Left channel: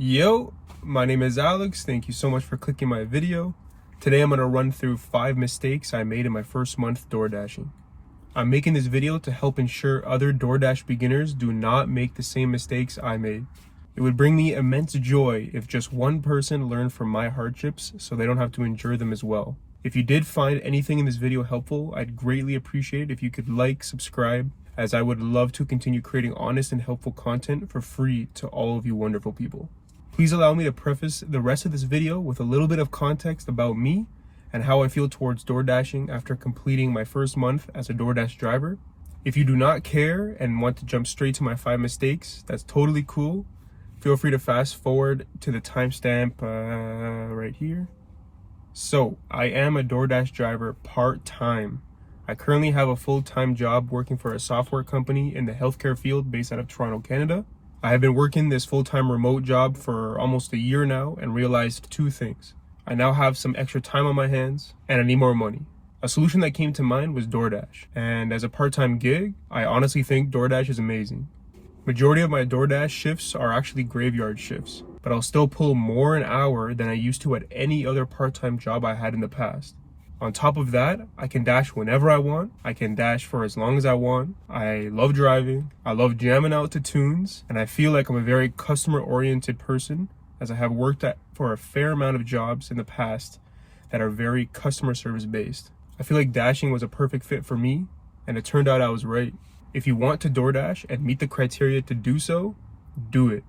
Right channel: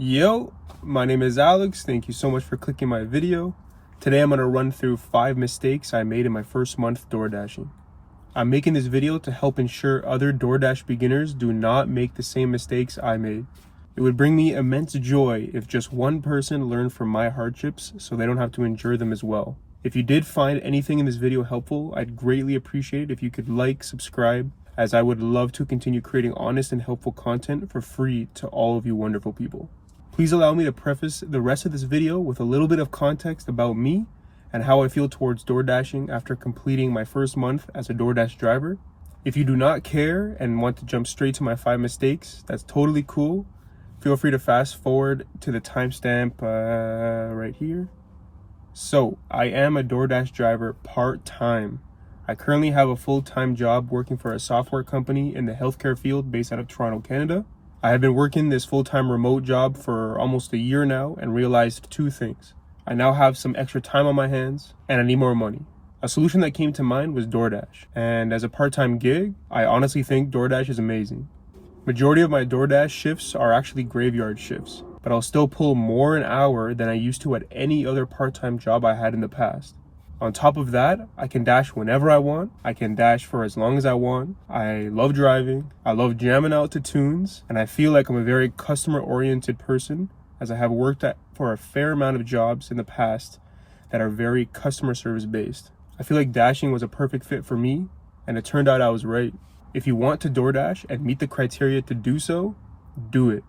Yo, my name is Alex. Thank you so much for clicking my video. Today I'm going to run through 5 mistakes I made in my first month DoorDashing. I'm making this video to help ensure other DoorDash beginners do not make the same mistakes I made. It would bring me immense joy if just one person learned from my hardships so they don't have to endure them as well. If you did find anything in this video helpful, I'd greatly appreciate it if you could like, subscribe, as I would love to continue creating honest and helpful content for free to all of you wonderful people. Please allow me to preface the rest of this video with a little bit of context about me and how I feel towards DoorDashing after completing my first month as a DoorDash driver. If you do not care and want to jump straight to my 5 mistakes, that's totally cool. Feel free to fast forward to the timestamp right here. So, I am a DoorDash driver part-time. I currently have a full-time job working for a software company in the healthcare field based out of Toronto, Canada. I have been working this full-time remote job for almost a year now and realized 2 things. I now have some extra time on my hands and I need more money. A solution that came to mind was DoorDash. And as a part-time gig, I honestly think DoorDash is amazing. Majority of my DoorDash shifts are actually graveyard shifts, but I'll still pull more an hour than I used to at any other part-time job I had in the past. On top of that, I can dash whenever I want. I can dash for as long as I want. I love driving. I love jamming out to tunes. And I feel like I'm a very customer-oriented person, as I have worked for a fair amount of jobs in the past that are very customer service based. I feel like dashing was a perfect fit for me, and it turned out I was right. If you want to DoorDash and meet the criteria to do so, do it.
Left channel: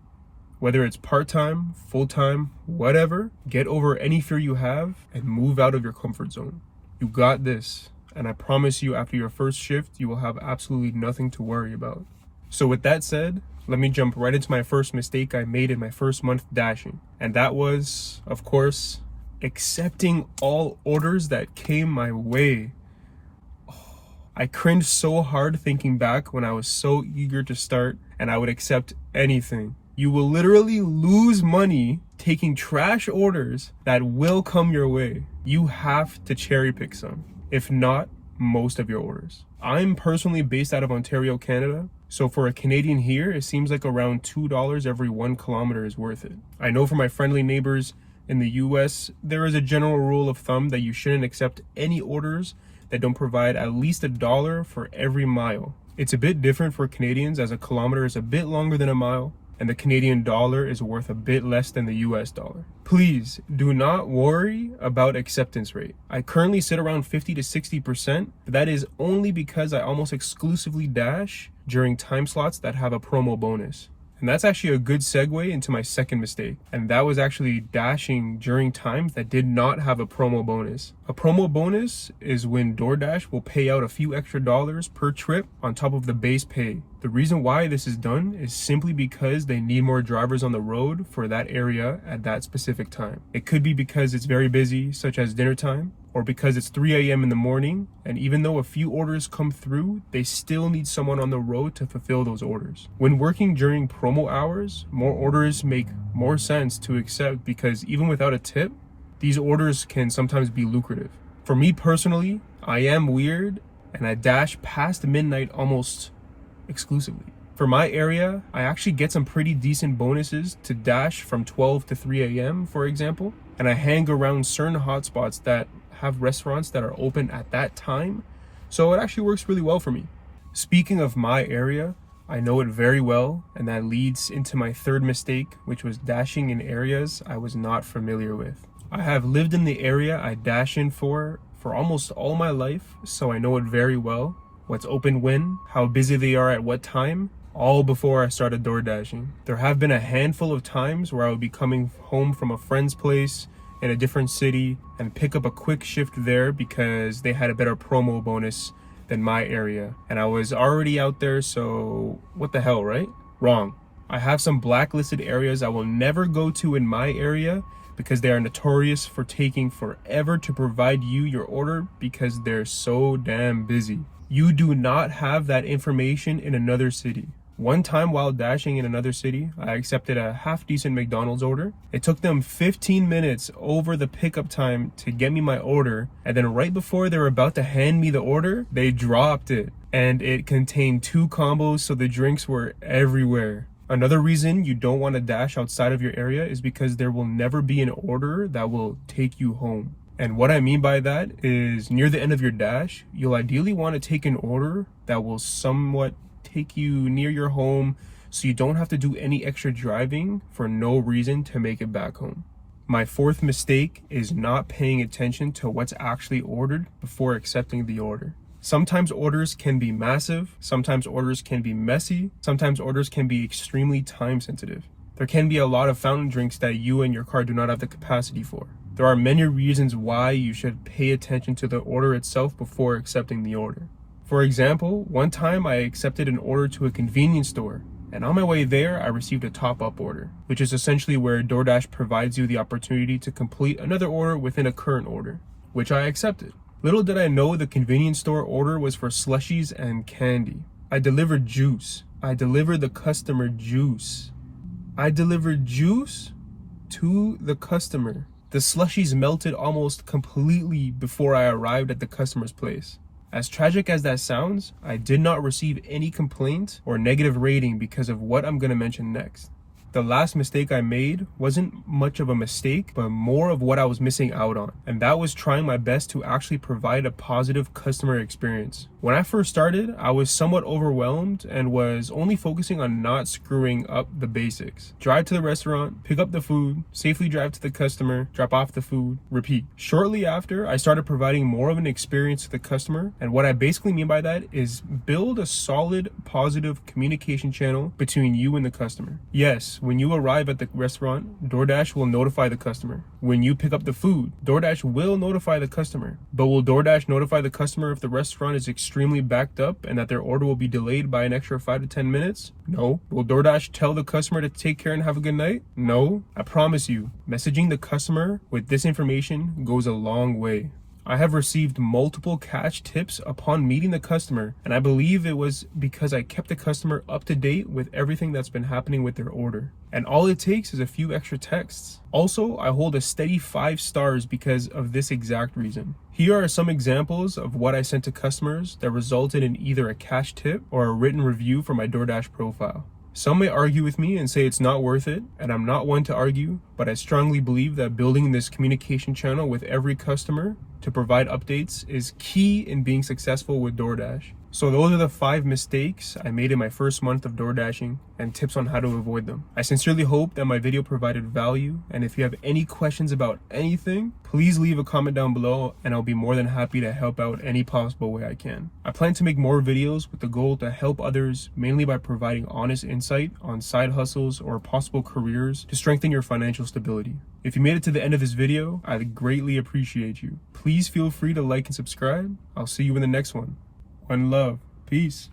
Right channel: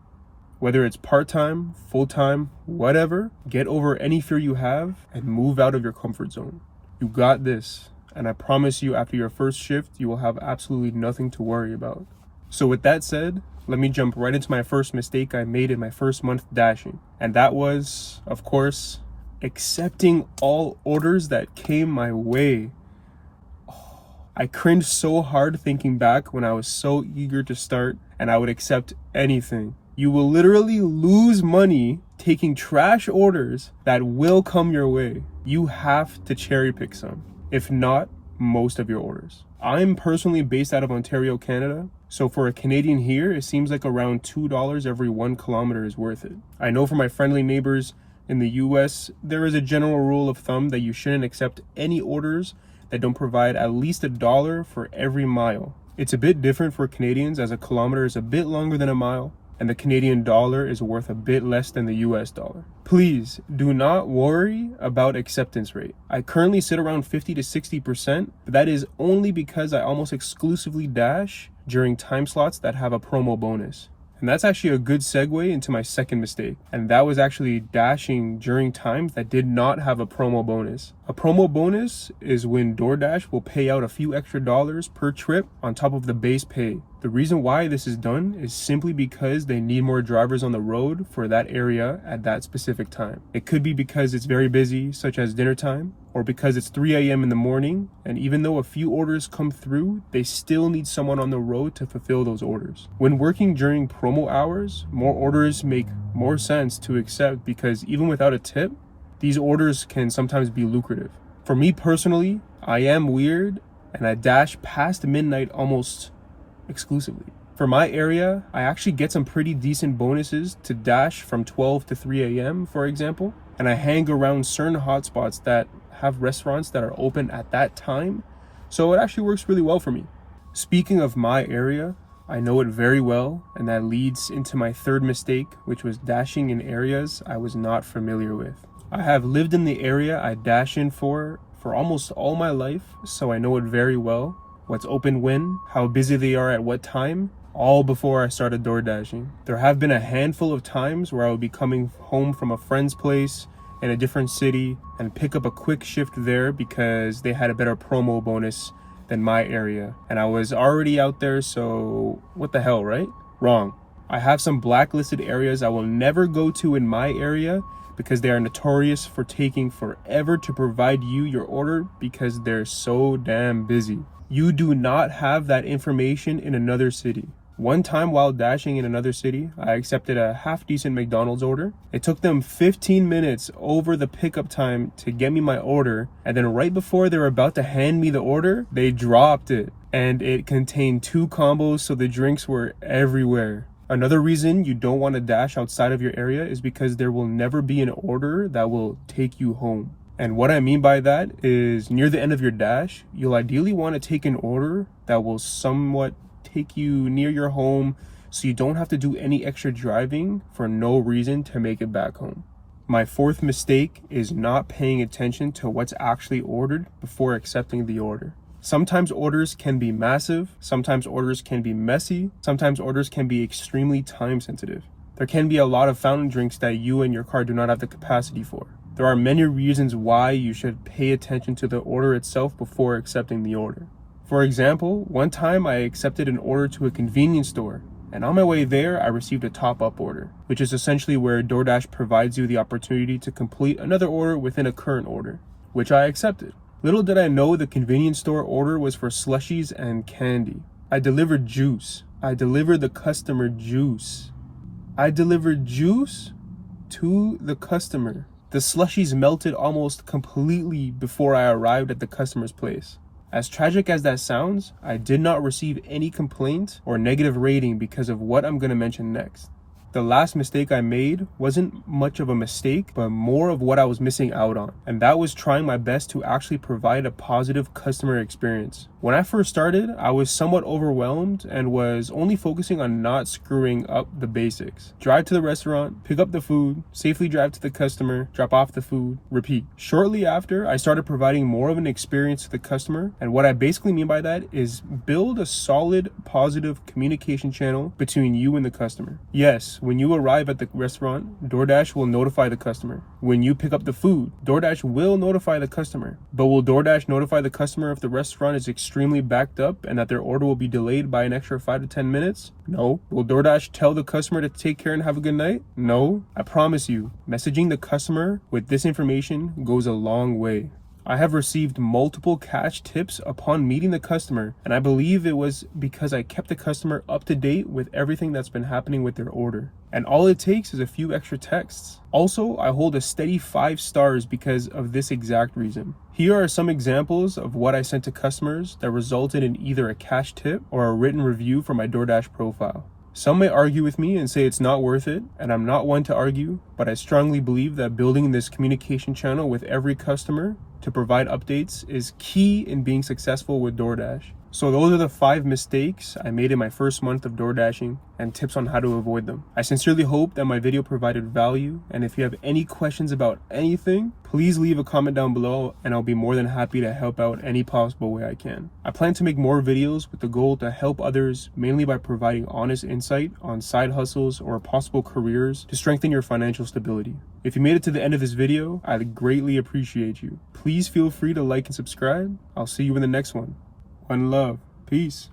Whether it's part-time, full-time, whatever, get over any fear you have and move out of your comfort zone. You got this, and I promise you after your first shift, you will have absolutely nothing to worry about. So with that said, let me jump right into my first mistake I made in my first month dashing. And that was, of course, accepting all orders that came my way. I cringed so hard thinking back when I was so eager to start and I would accept anything. You will literally lose money taking trash orders that will come your way. You have to cherry pick some, if not most of your orders. I'm personally based out of Ontario, Canada. So for a Canadian here, it seems like around $2 every 1 kilometer is worth it. I know for my friendly neighbors in the US, there is a general rule of thumb that you shouldn't accept any orders that don't provide at least $1 for every mile. It's a bit different for Canadians as a kilometer is a bit longer than a mile, and the Canadian dollar is worth a bit less than the US dollar. Please do not worry about acceptance rate. I currently sit around 50 to 60%, but that is only because I almost exclusively dash during time slots that have a promo bonus. And that's actually a good segue into my second mistake. And that was actually dashing during times that did not have a promo bonus. A promo bonus is when DoorDash will pay out a few extra dollars per trip on top of the base pay. The reason why this is done is simply because they need more drivers on the road for that area at that specific time. It could be because it's very busy, such as dinner time, or because it's 3 a.m. in the morning, and even though a few orders come through, they still need someone on the road to fulfill those orders. When working during promo hours, more orders make more sense to accept because even without a tip, these orders can sometimes be lucrative. For me personally, I am weird and I dash past midnight almost exclusively. For my area, I actually get some pretty decent bonuses to dash from 12 to 3 a.m., for example, and I hang around certain hotspots that have restaurants that are open at that time, so it actually works really well for me. Speaking of my area, I know it very well, and that leads into my third mistake, which was dashing in areas I was not familiar with. I have lived in the area I dash in for almost all my life, so I know it very well. What's open when, how busy they are at what time, all before I started DoorDashing. There have been a handful of times where I would be coming home from a friend's place in a different city and pick up a quick shift there because they had a better promo bonus than my area. And I was already out there, so what the hell, right? Wrong. I have some blacklisted areas I will never go to in my area because they are notorious for taking forever to provide you your order because they're so damn busy. You do not have that information in another city. One time while dashing in another city, I accepted a half-decent McDonald's order. It took them 15 minutes over the pickup time to get me my order, and then right before they were about to hand me the order, they dropped it. And it contained 2 combos, so the drinks were everywhere. Another reason you don't want to dash outside of your area is because there will never be an order that will take you home. And what I mean by that is near the end of your dash, you'll ideally want to take an order that will somewhat take you near your home so you don't have to do any extra driving for no reason to make it back home. My fourth mistake is not paying attention to what's actually ordered before accepting the order. Sometimes orders can be massive, sometimes orders can be messy, sometimes orders can be extremely time sensitive. There can be a lot of fountain drinks that you and your car do not have the capacity for. There are many reasons why you should pay attention to the order itself before accepting the order. For example, one time I accepted an order to a convenience store, and on my way there, I received a top-up order, which is essentially where DoorDash provides you the opportunity to complete another order within a current order, which I accepted. Little did I know the convenience store order was for slushies and candy. I delivered juice. I delivered the customer juice. I delivered juice to the customer. The slushies melted almost completely before I arrived at the customer's place. As tragic as that sounds, I did not receive any complaints or negative rating because of what I'm going to mention next. The last mistake I made wasn't much of a mistake, but more of what I was missing out on. And that was trying my best to actually provide a positive customer experience. When I first started, I was somewhat overwhelmed and was only focusing on not screwing up the basics. Drive to the restaurant, pick up the food, safely drive to the customer, drop off the food, repeat. Shortly after, I started providing more of an experience to the customer. And what I basically mean by that is build a solid, positive communication channel between you and the customer. Yes, when you arrive at the restaurant, DoorDash will notify the customer. When you pick up the food, DoorDash will notify the customer. But will DoorDash notify the customer if the restaurant is extremely backed up and that their order will be delayed by an extra 5 to 10 minutes? No. Will DoorDash tell the customer to take care and have a good night? No. I promise you, messaging the customer with this information goes a long way. I have received multiple cash tips upon meeting the customer, and I believe it was because I kept the customer up to date with everything that's been happening with their order. And all it takes is a few extra texts. Also, I hold a steady 5 stars because of this exact reason. Here are some examples of what I sent to customers that resulted in either a cash tip or a written review for my DoorDash profile. Some may argue with me and say it's not worth it, and I'm not one to argue, but I strongly believe that building this communication channel with every customer to provide updates is key in being successful with DoorDash. So those are the 5 mistakes I made in my first month of DoorDashing and tips on how to avoid them. I sincerely hope that my video provided value, and if you have any questions about anything, please leave a comment down below and I'll be more than happy to help out any possible way I can. I plan to make more videos with the goal to help others, mainly by providing honest insight on side hustles or possible careers to strengthen your financial stability. If you made it to the end of this video, I'd greatly appreciate you. Please feel free to like and subscribe. I'll see you in the next one. One love. Peace.